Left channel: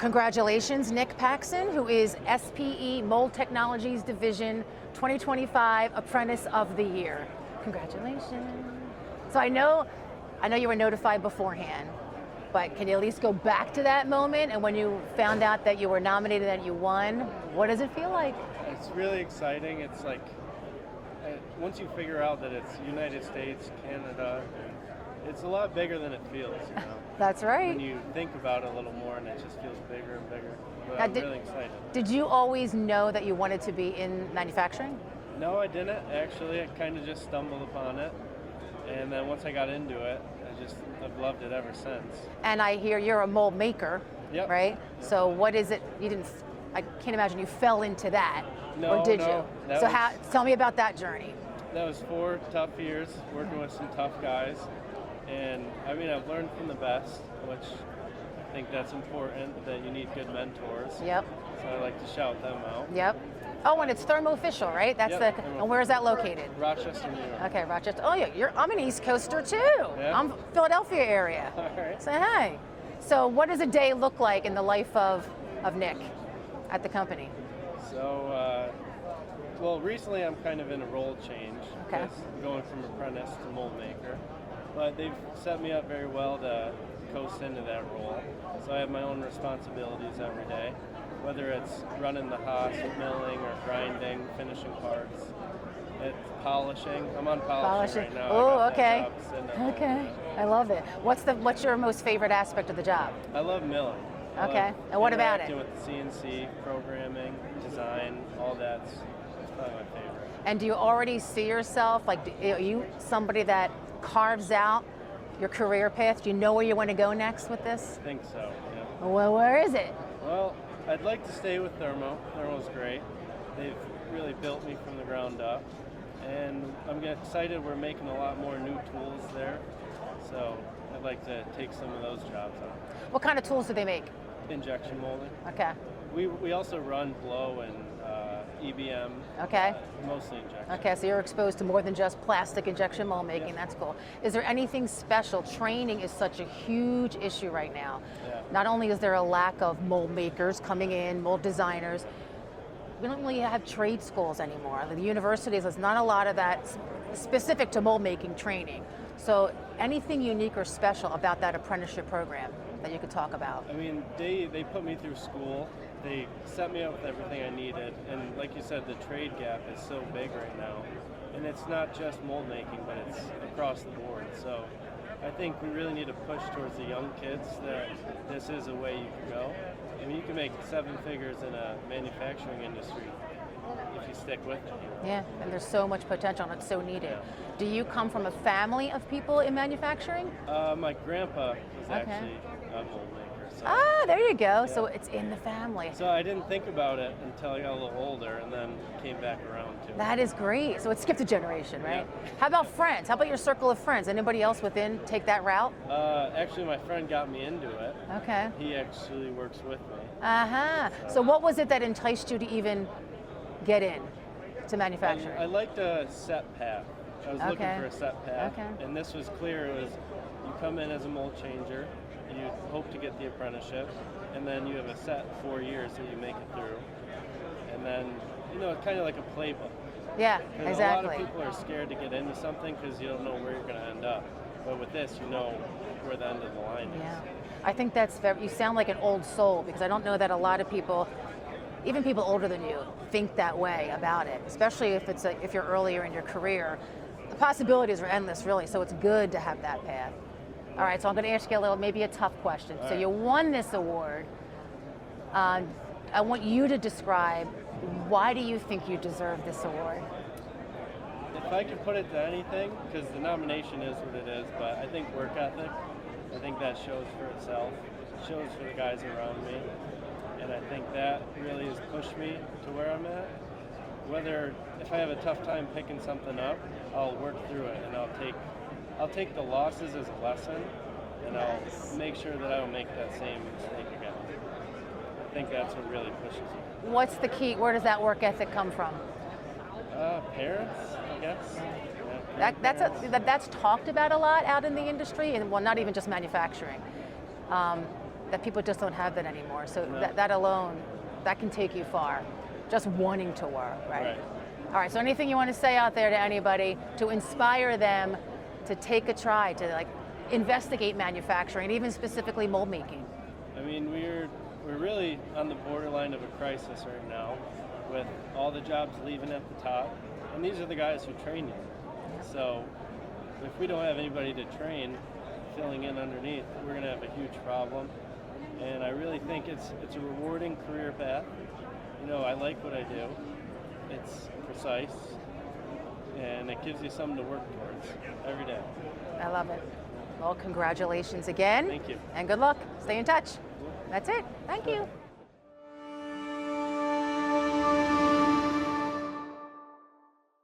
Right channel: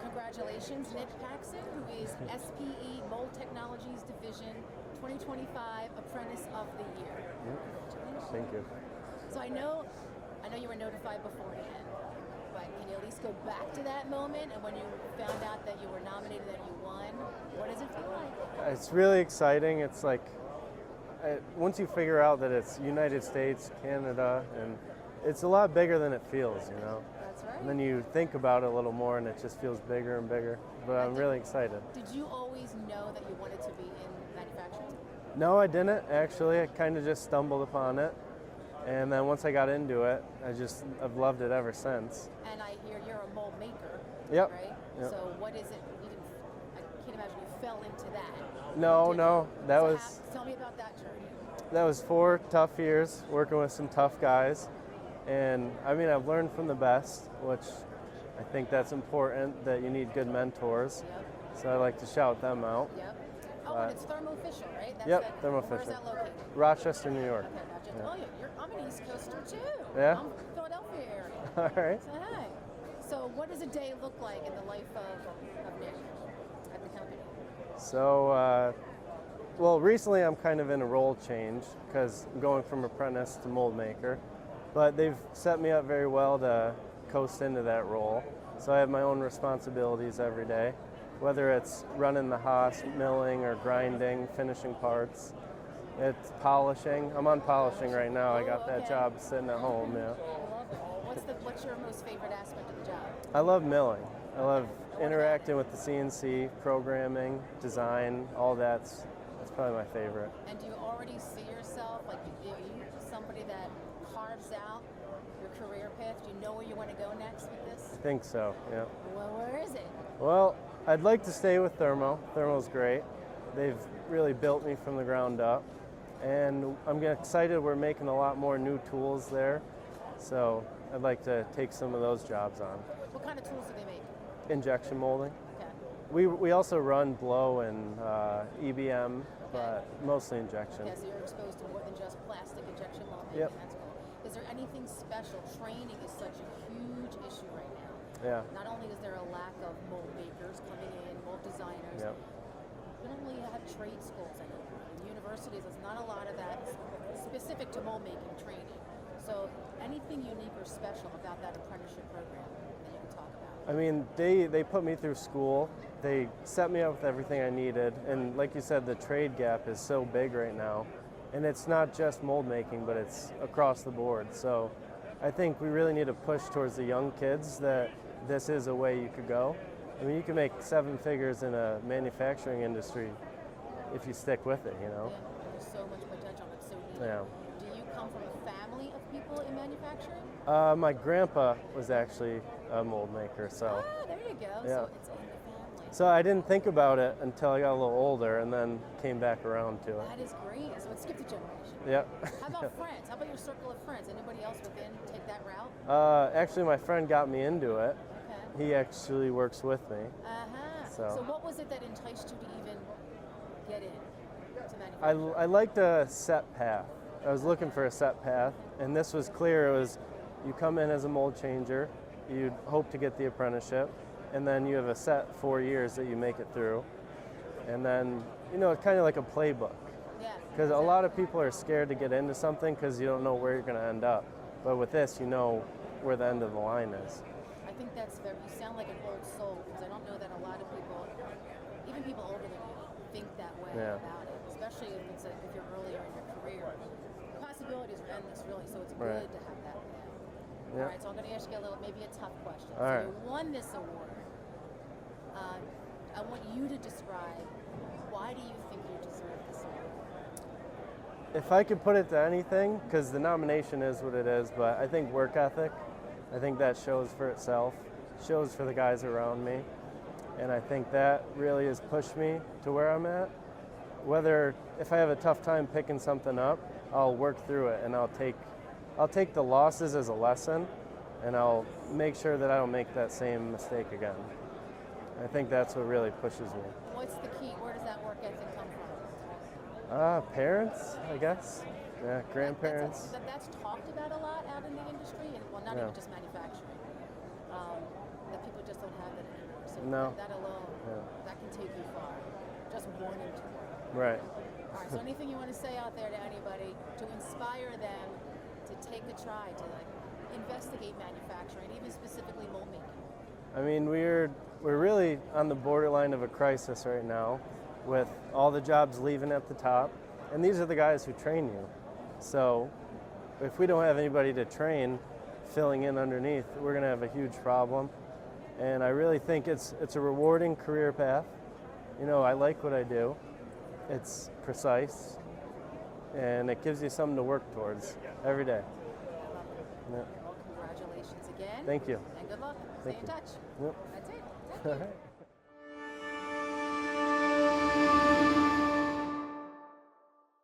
Congratulations, Nick Paxton, who is SPE Mold Technologies Division 2025 Apprentice of the Year. Congratulations. Thank you. So I know you were notified beforehand, but can you at least go back to that moment and when you found out that you were nominated and you won, what does it feel like? It's really exciting. It's like, once you figure out that it's United States, Canada, and it's a lot bigger than it feels, you know. That's right. When you think about it a little more and it just feels bigger and bigger, but I'm really excited. Did you always know that you wanted to be in manufacturing? No, I didn't actually. I kind of just stumbled upon it. And then once I got into it, I've loved it ever since. And I hear you're a mold maker, right? Yep. So what is it, I can't imagine you fell into that. No, or did no. you? Tell me about that journey. That was 4 tough years working with some tough guys. And I mean, I've learned from the best, which I think that's important, that you need good mentors. Yep. So I like to shout them out. Yep. Oh, and it's Thermoofficial, right? That's and where is that located? Rochester, New York. Okay, Rochester. Oh, yeah, I'm an East Coaster too. Yeah? I'm Philadelphia area. All right. Say hi. So what does a day look like in the life of Nick at the company? So, well, recently I'm kind of in a role change because I'm going from apprentice to mold maker. But they've set me up very well to coast into that role. So I have my own responsibilities every day, whether it's running the Haas, milling or grinding, finishing parts. It's polishing. I'm on polishing right now. Oh, I got that job sitting at home. Okay, I love it. What's your most favorite aspect of the job? I love milling. Okay, and what about it? Interacting with the CNC, programming, design, all that's probably my favorite. And do you already see yourself, like, are you somebody that carves out your career path? Do you know where you want to go next with this? I think so, yeah. Well, where is it? Well, I'd like to stay with Thermo. Thermo's great. They've really built me from the ground up. And I'm excited we're making a lot more new tools there. So I'd like to take some of those jobs on. What kind of tools do they make? Injection molding. Okay. We also run blow and EBM. Okay. Mostly injection. Okay, so you're exposed to more than just plastic injection mold making. Yep. That's cool. Is there anything special? Training is such a huge issue right now. Yeah. Not only is there a lack of mold makers coming in, mold designers, yep. We don't really have trade schools anymore. The universities, there's not a lot of that specific to mold making training. So anything unique or special about that apprenticeship program that you could talk about? I mean, they put me through school. They set me up with everything I needed. And like you said, the trade gap is so big right now. And it's not just mold making, but it's across the board. So I think we really need to push towards the young kids that this is a way you could go. I mean, you can make 7 figures in a manufacturing industry if you stick with it, you know? Yeah, and there's so much potential and it's so needed. Yeah. Do you come from a family of people in manufacturing? My grandpa was actually a mold maker. So. Ah, there you go. Yeah. So it's in the family. So I didn't think about it until I got a little older and then came back around to it. That is great. So it skipped a generation, right? Yeah. How about friends? How about your circle of friends? Anybody else within take that route? Actually, my friend got me into it. Okay. He actually works with me. So what was it that enticed you to even get in to manufacturing? I liked a set path. I was looking for a set path, and this was clear. It was, you come in as a mold changer, you hope to get the apprenticeship, and then you have a set 4 years that you make it through, and then, you know, it's kind of like a playbook. Yeah, Because a lot of people are scared to get into something because you don't know where you're going to end up. But with this, you know where the end of the line is. Yeah. I think that's very, you sound like an old soul, because I don't know that a lot of people, even people older than you, think that way about it, especially if you're earlier in your career. The possibilities are endless, really, so it's good to have that path. All right, so I'm going to ask you maybe a tough question. So you won this award. I want you to describe, why do you think you deserve this award? If I could put it to anything, because the nomination is what it is, but I think work ethic, I think that shows for itself, shows for the guys around me. And I think that really has pushed me to where I'm at. Whether, if I have a tough time picking something up, I'll work through it and I'll take the losses as a lesson, and I'll make sure that I don't make that same mistake again. I think that's what really pushes me. What's the key? Where does that work ethic come from? Parents, I guess. Yeah, that's talked about a lot out in the industry, and well, not even just manufacturing. that people just don't have that anymore. So No. that alone, that can take you far. Just wanting to work, right? Right. All right, so anything you want to say out there to anybody to inspire them to take a try, to like investigate manufacturing, and even specifically mold making? I mean, we're really on the borderline of a crisis right now with all the jobs leaving at the top, and these are the guys who train you. So if we don't have anybody to train filling in underneath, we're going to have a huge problem. And I really think it's a rewarding career path. You know, I like what I do. It's precise, and it gives you something to work towards every day. I love it. Yeah. Well, congratulations again. Thank you. And good luck. Stay in touch. Yeah. That's it. Thank you.